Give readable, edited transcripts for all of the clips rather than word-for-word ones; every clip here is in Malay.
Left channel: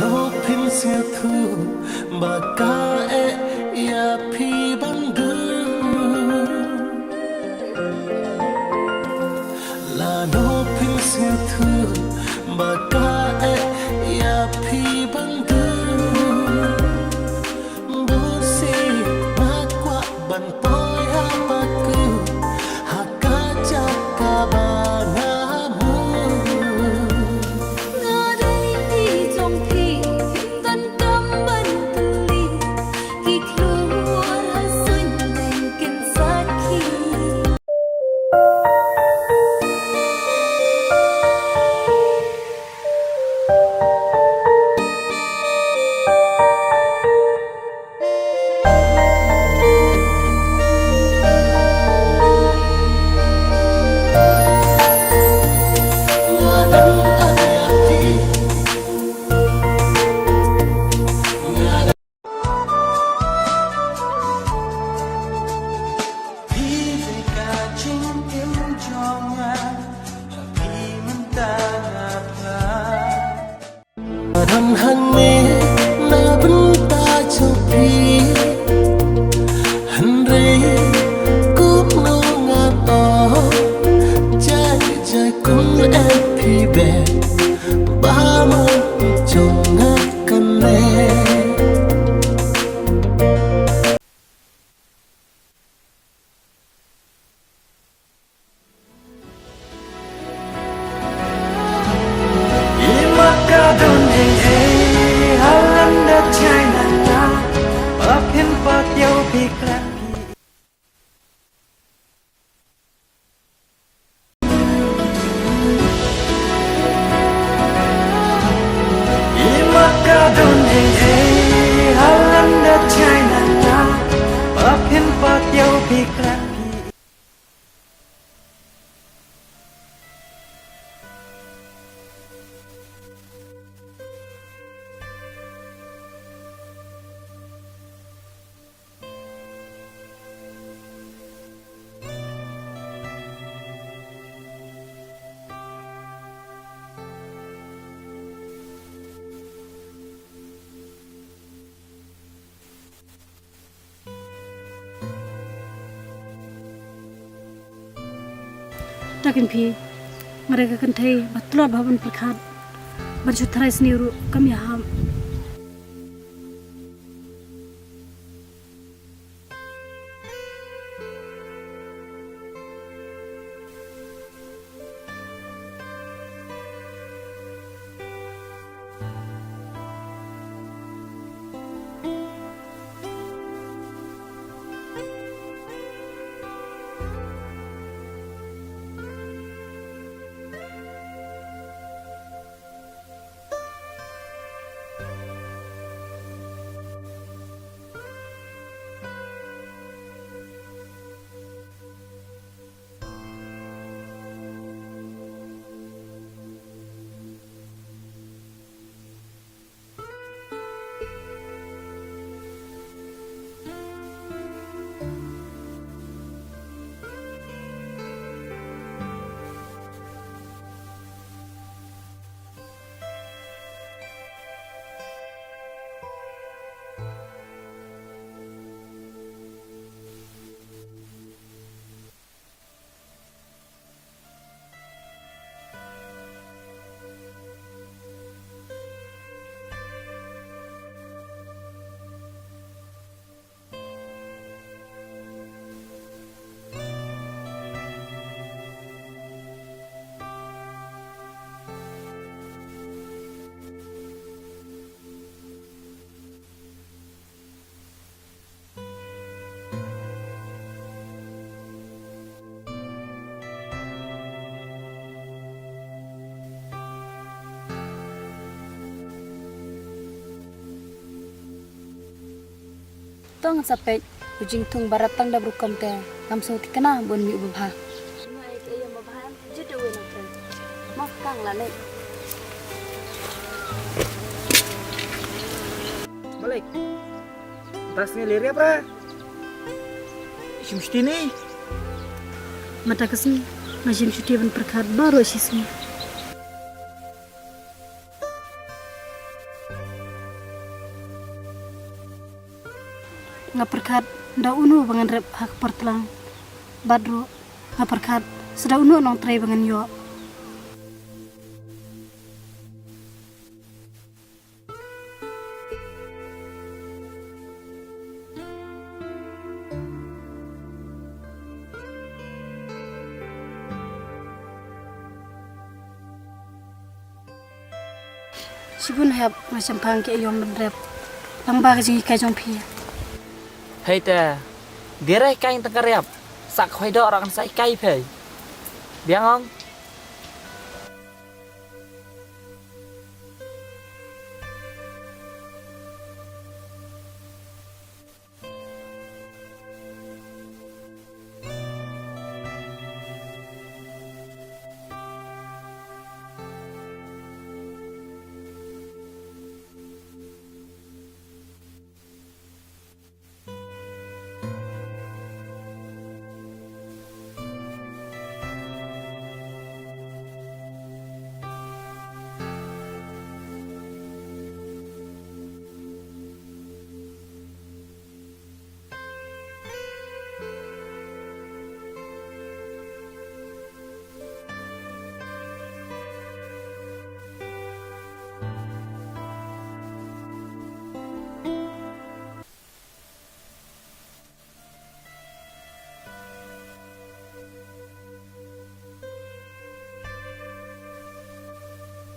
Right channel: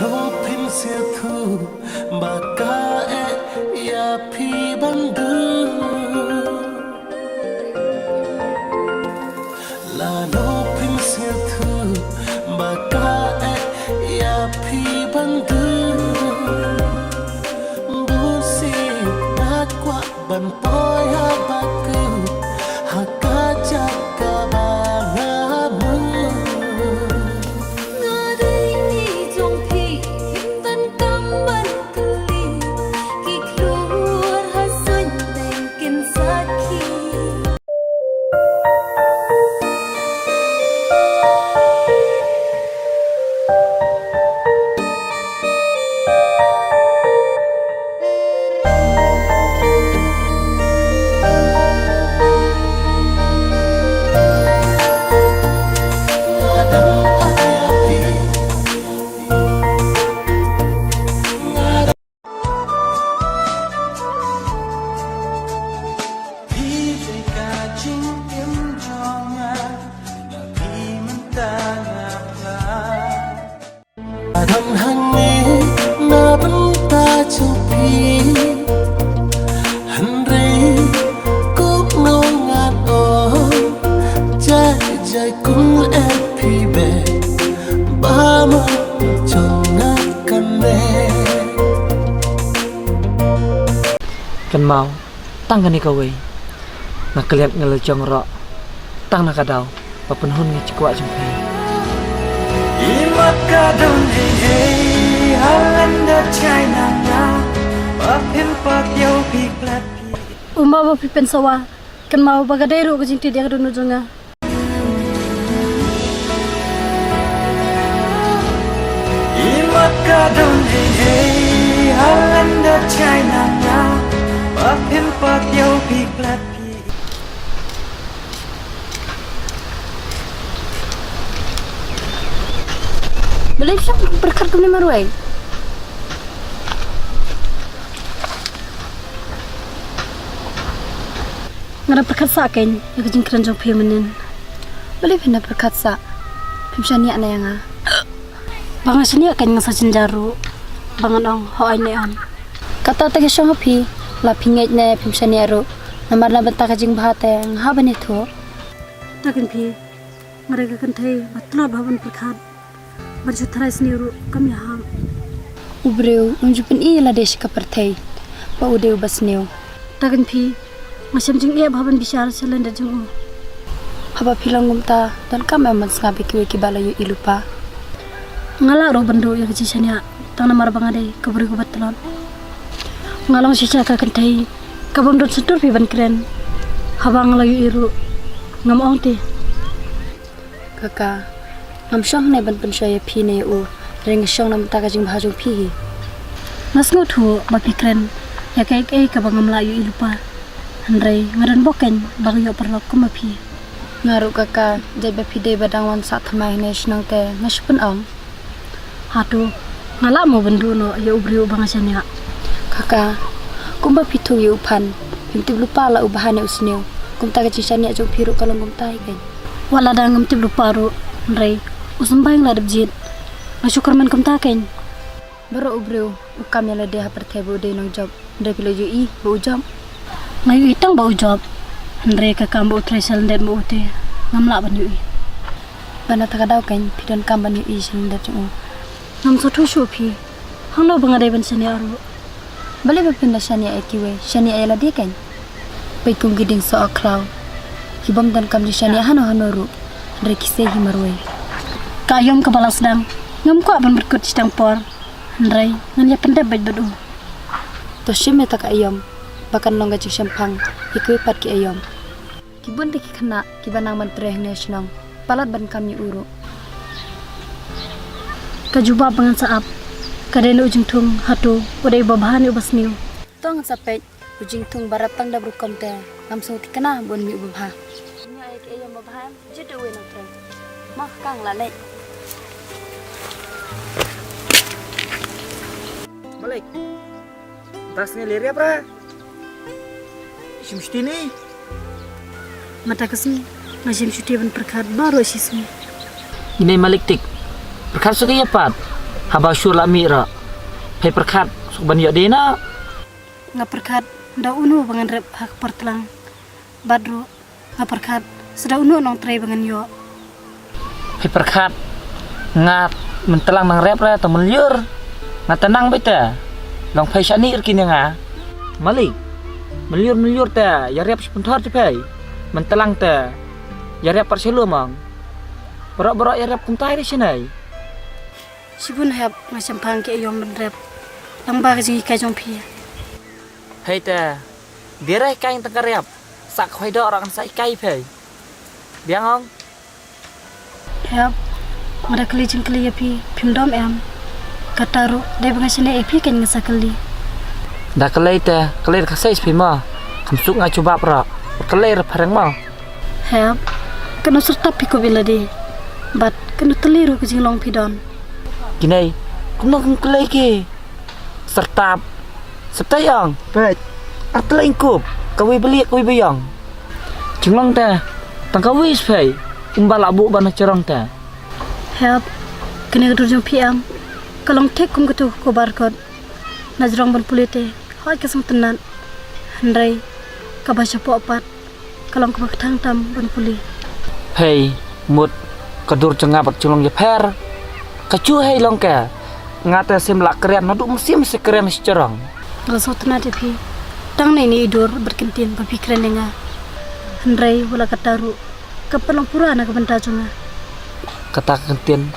no pin sia thu baka ya phi bandu la no pin sia thu baka ya phi bandu bu si na kwa ban poi ha baku haka chaka bangamu Đàn hàng ní na bấn ta châu phi hân rây cúp nô ngàn o trái trái cũng em phi bè ba mơ chồng ngát căn nè kan mau tang kan ikaw ay nakaliat nga lechong ro tang nakadaw papunhon nga chikwa chumpay Imaka don halanda China nga papin patyaw piklat pi Umawa pipen sawa kan mau bagadero ka jinti dia kadunu jonga Imaka don halanda China nga papin patyaw piklat pi Believe siya berkat kami maruay Ngara berkat sa akin Yung jingkran jong pimanin Believe na berkat sa Pimsyania na yang nga Banga siya akan nga sa sinjaro Bangan ang hoay na yan Kata tagi siya nga pi Lapingit na pimsyania ro Namar na banta ka jing bahate Ang haba nito Takin pi Ngara kakantay Batulad bahaban berkat Baju terai sendiri kami ham. Ubreu unjupin iya desh kapertai. Ba udeu basneu. Tagan pi macam jeng iya bahaban bisyar selenda jeng. Haba pilang gumta dan kami amat ngabi kiwe kibala yu ilupa. Ngala ro bendo ya kecisanya tang namar bangade kaburi kubat telon. Ngalong sisa kakentai kabum dot sedur pi ban keren. Haba ngalayu iru ngamong ti. Kakak ngam syong ne ban pensyaya pi ne u ring syong nam ta ka jing bahajung pi nas ngot hu ba pikren ya kai kai ka bang melayu ilupa handrai ngaran boken bang yo perlok ku ma pi ngaru kaka jai ba pi de badang wan sa thamai ne snang te ngashpun ong hatu ngala mo bendu no ya ubriu bang asanya kaka kumba pitu yu pan pimti lupa la ubahane usneu kum ta ka cisanya jong piru kalong kum tai kai wala dangam tib lupa ru handrai Usambay nga dabjit. Masyukar man kumtakin. Baro ubriw, ukam yala deha pertay bu day ng job. Day pila yu i, bu job. Ngayon itang bu job. Handre kakam bu utray salandet bu uti. Ngamla ban yu i. Bana takadaw kan, pidan kam ban yu i salandet yu. Ngam sa tusyo pi. Hanglaw ba nga day ban sanya aro? Bali ba pinda sanya etiwe, sanya ayala di kan? Pay kong giding sa aklaw. Hibam dan kam di sanya hano-hano ru. Handre kisay himarwe. Kayom kabalas dang ngam ko aban berkut sidang por handrai ngan ya pendai baj badu to shime tak ayom bakan nongga jik shampang ikui pat ki ayom kibun dik khana kibanang mantre national palat ban kami uru kajuba bangan saap kadelo ujing tung hatu udai babahani ubasniu tong sapet ujing tung baratang da brukam te ngam so tikana bon mi ubah nya ek ayom babahan jedo we nang tren mak kang la le Balik. Tasnya liria pra. Shimshti ni. Mata kesni Nashim syuti ban perkat baru sisnya. Ini malik tik perkara suka ya pat haba syur lami ra. Pay perkat suban yo dena. Ngaperkat da unu bangan rep hak pertelang. Badro ngaperkat seda unu nong tray bangan yo. Pay perkat ngat mentelang nang rep ra ta meliur. Ngatenang beta. Long pay syani kini nga. Malik. Meliur ta ya rep sebentar je pay. Mentelang ta ya rep perselu mang. Berak-berak ya rep kuntai di sini. Sibun hab macam pang ke yom ben rep. Lang ba jing kai jong phi. Hei ta. Birai kain tengkar rep. Sak khoi dok orang sai kai pay. Biang ong. Hab mara kali jing kali ya phi phim dom em. Kataru dai bangai sini epi kan ngasa kali. Dah kelai ta, kelai kasai sepima. Kamsuk ngai coba pra. Kelai parang mau. Hab kena serta pi ko bila di. Bat kena teliru ke jing long phi don. Gini, kuno kelai ke. Sertap. Setayang. Baik. Artla ingkup. Kawi beli kawi bayang. Jenglong ta. Tangkawi sepay. Umbal abu bana cerong ta. Hab kena gedur jong phi am. Kalong tek kum ketu ko barkot. Najrong ban pulite. Hoi kesang tenan. Handrai kabasya po apat. Kalong ko bakatang tam ban puli. Hei, mut kadur cengabat jenglong je per. Kacu hei long ka. Ngata sim lak keren nadu musim sekeren secerong. Raso tenan de phi. Tang ni idur berkentin berpikiran denga. Handrai wala kataru. Kapalong purana kabenta junga. Kata kentin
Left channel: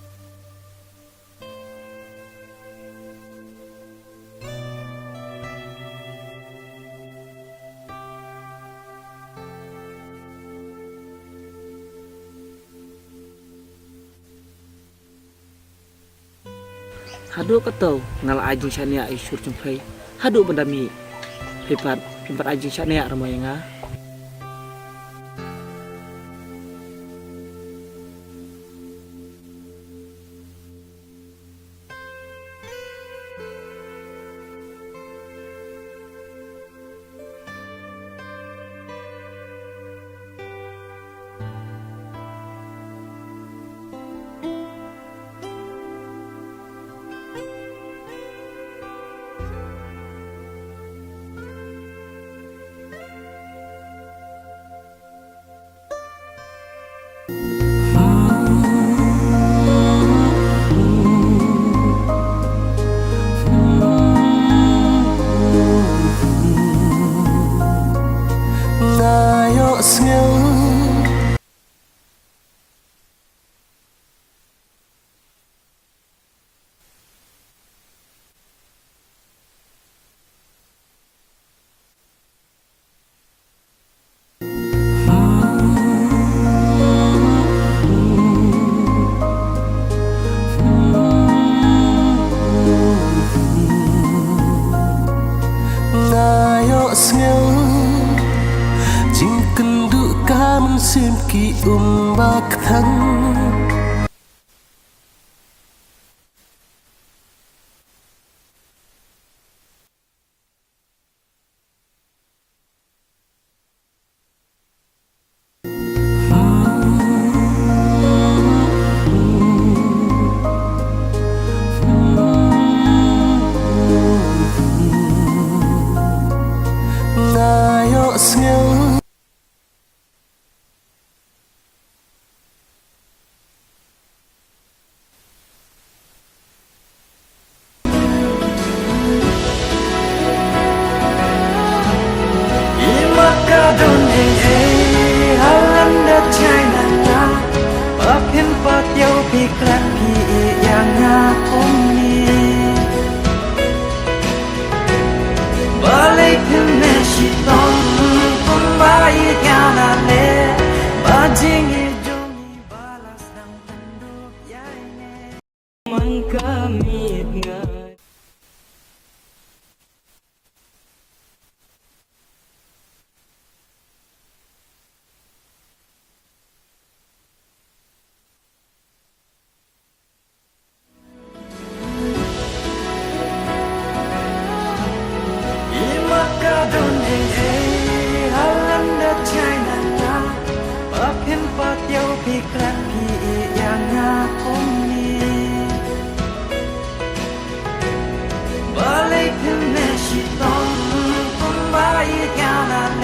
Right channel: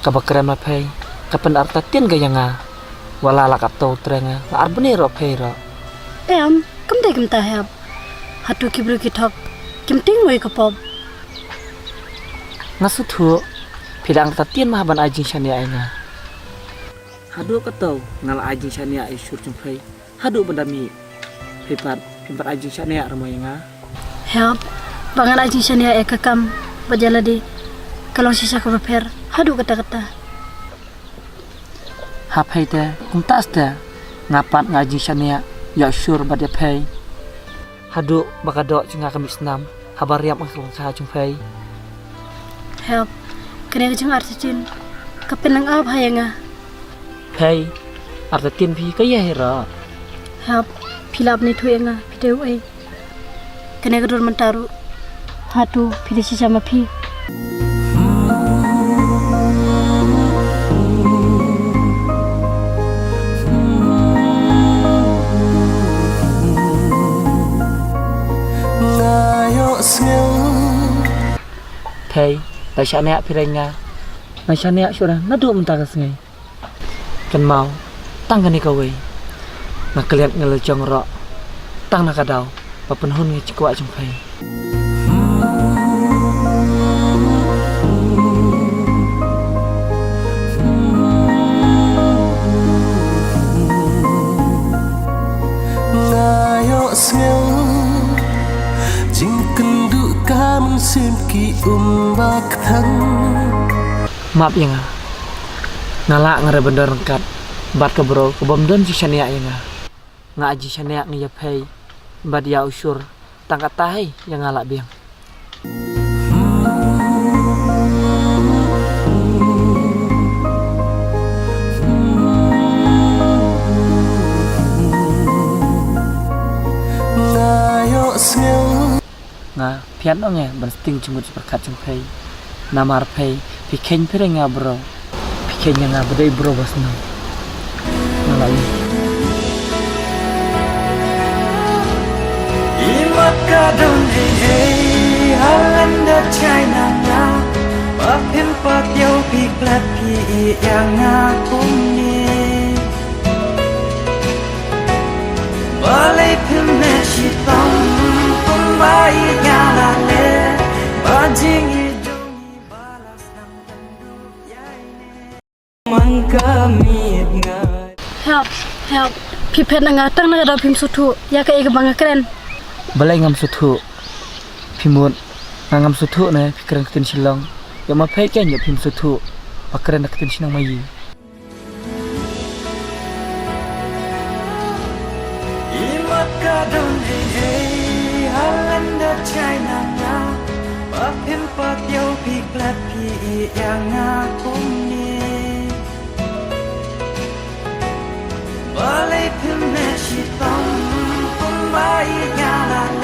kabakeren ma pei. Kapan arta tin ga yanga. Wala la katau trenga. La arbeni ro pei ro. Em, kam dai kam ta hab. Hatu kibru ki thok. Kim ting moi kapop. Ngasu thu pidang ta tin ma ban ajing shania nga. Hadu katau ngal ajing shania ai syur jumpai. Hadu bandami. Pimpat ajing shania ramo nga. Hab, bangan aji shania ekakam bajala di. Kalau sisa ko repair, hadu kata-kata. Hapai ta kuntas ta ngapat ngaji shania ya syur badya pei. Hadu bakadok cinga kamis nam habar riap ang sa jumpai. Hab, kena kejung artitin. Kapenang ab hayanga. Pei arta tin pi kaya hera. Hab, pilap ni tu enga pideu ai. Kena kedur mentaru. Hatu pide sisa mapi. Thầy, tại sao nè phi nga? Tại sao nè sudah nadu mentah ke sungai? Kan mau tang kan ikawi. Nak keliat ngel jong ro. Tang nak kadau, papen hun ngi cikwa jumpai. Ngayo sngel jingken du kamen sim ki umbak thang. Maaf ya nga. Ngalak ngare bener kat. Bat ke bro ke bom don jisania ya nga. Ngaji sania ngi yapei. Bad ya usur tangkat tahi yang ngalak biang. Ngayo sngel Nga pian ong ya ban sting cumut berkat jumpai. Namar pei pikeng pire nga bro. Pikeng nga bedai bro basna. Imakadon halanda China nga Bapen patiau piklat pi yang akum ni Balai pimne shitom kumbai nyala le Bajing ijongi balas nang tanduk yaine Man kamit nga Help. Pipet nga tang na daw pim sutu. Ya ka ega banga keren. Balai ngam sutu. Pimut ngam sutu na pikiran ketin silong. Ya ma pei ken ya pim sutu. Pakaran ketin sinang mayi. Imakadon halanda China nga Bapen patiau piklat pi yang akum ni พิมพ์เนชิตอมกุมบายญาลาเล